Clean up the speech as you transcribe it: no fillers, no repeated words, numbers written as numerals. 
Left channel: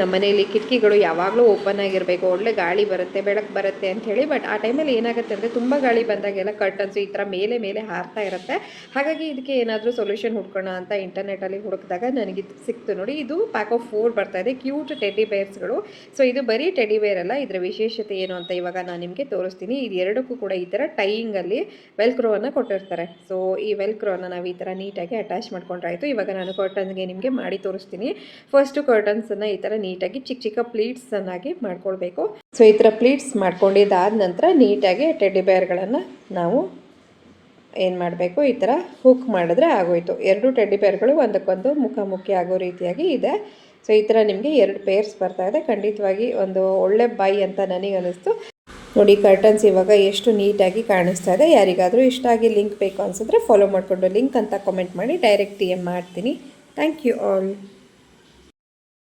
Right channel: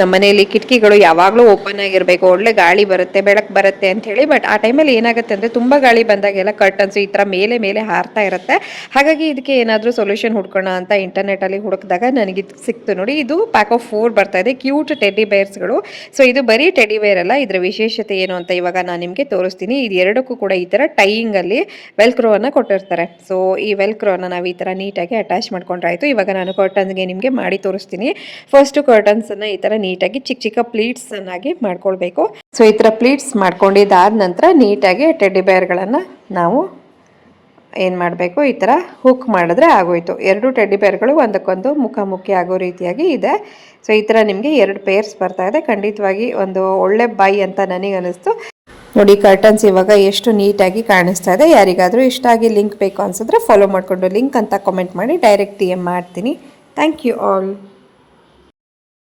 ನಮ್ಮ ಮನೆಯಲ್ಲಿ ಕಿಟಕಿಗಳು ಯಾವಾಗಲೂ ಓಪನ್ ಆಗಿರಬೇಕು, ಒಳ್ಳೆ ಗಾಳಿ ಬರುತ್ತೆ, ಬೆಳಕು ಬರುತ್ತೆ ಅಂತ ಹೇಳಿ. ಬಟ್ ಆ ಟೈಮಲ್ಲಿ ಏನಾಗುತ್ತೆ ಅಂದರೆ ತುಂಬ ಗಾಳಿ ಬಂದಾಗೆಲ್ಲ ಕರ್ಟನ್ಸ್ ಈ ಥರ ಮೇಲೆ ಮೇಲೆ ಹಾರ್ತಾ ಇರುತ್ತೆ. ಹಾಗಾಗಿ ಇದಕ್ಕೆ ಏನಾದರೂ ಸೊಲ್ಯೂಷನ್ ಹುಡ್ಕೋಣ ಅಂತ ಇಂಟರ್ನೆಟಲ್ಲಿ ಹುಡುಕಿದಾಗ ನನಗೆ ಇದು ಸಿಕ್ತು ನೋಡಿ. ಇದು ಪ್ಯಾಕ್ ಆಫ್ 4 ಬರ್ತಾ ಇದೆ, ಕ್ಯೂಟ್ ಟೆಡ್ಡಿ ಬೇರ್ಸ್ಗಳು. ಸೊ ಇದು ಬರೀ ಟೆಡ್ಡಿ ಬೇರ್ ಅಲ್ಲ, ಇದರ ವಿಶೇಷತೆ ಏನು ಅಂತ ಇವಾಗ ನಾನು ನಿಮಗೆ ತೋರಿಸ್ತೀನಿ. ಇದು ಎರಡಕ್ಕೂ ಕೂಡ ಈ ಥರ ಟೈಯಿಂಗಲ್ಲಿ ವೆಲ್ಕ್ರೋವನ್ನು ಕೊಟ್ಟಿರ್ತಾರೆ. ಸೊ ಈ ವೆಲ್ಕ್ರೋನ ನಾವು ಈ ಥರ ನೀಟಾಗಿ ಅಟ್ಯಾಚ್ ಮಾಡ್ಕೊಂಡ್ರಾಯ್ತು. ಇವಾಗ ನಾನು ಕರ್ಟನ್ಸ್ಗೆ ನಿಮಗೆ ಮಾಡಿ ತೋರಿಸ್ತೀನಿ. ಫಸ್ಟು ಕರ್ಟನ್ಸನ್ನು ಈ ಥರ ನೀಟಾಗಿ ಚಿಕ್ಕ ಚಿಕ್ಕ ಪ್ಲೀಟ್ಸ್ ಅನ್ನಾಗಿ ಮಾಡ್ಕೊಳ್ಬೇಕು. ಸೊ ಈ ಥರ ಪ್ಲೀಟ್ಸ್ ಮಾಡ್ಕೊಂಡಿದ್ದಾದ ನಂತರ ನೀಟಾಗಿ ಟೆಡ್ಡಿ ಬೇರ್ಗಳನ್ನು ನಾವು ಏನು ಮಾಡಬೇಕು, ಈ ಥರ ಹುಕ್ ಮಾಡಿದ್ರೆ ಆಗೋಯ್ತು. 2 ಟೆಡ್ಡಿ ಬೇರ್ಗಳು ಒಂದಕ್ಕೊಂದು ಮುಖಾಮುಖಿ ಆಗೋ ರೀತಿಯಾಗಿ ಇದೆ. ಸೊ ಈ ಥರ ನಿಮಗೆ 2 ಪೇರ್ಸ್ ಬರ್ತಾ ಇದೆ. ಖಂಡಿತವಾಗಿ ಒಂದು ಒಳ್ಳೆ ಬೈ ಅಂತ ನನಗೆ ಅನಿಸ್ತು ನೋಡಿ. ಕರ್ಟನ್ಸ್ ಇವಾಗ ಎಷ್ಟು ನೀಟಾಗಿ ಕಾಣಿಸ್ತಾ ಇದೆ. ಯಾರಿಗಾದರೂ ಇಷ್ಟ ಆಗಿ ಲಿಂಕ್ ಬೇಕು ಅನ್ಸಿದ್ರೆ ಫಾಲೋ ಮಾಡಿಕೊಂಡು ಲಿಂಕ್ ಅಂತ ಕಾಮೆಂಟ್ ಮಾಡಿ, ಡೈರೆಕ್ಟ್ DM ಮಾಡ್ತೀನಿ. Thank you all.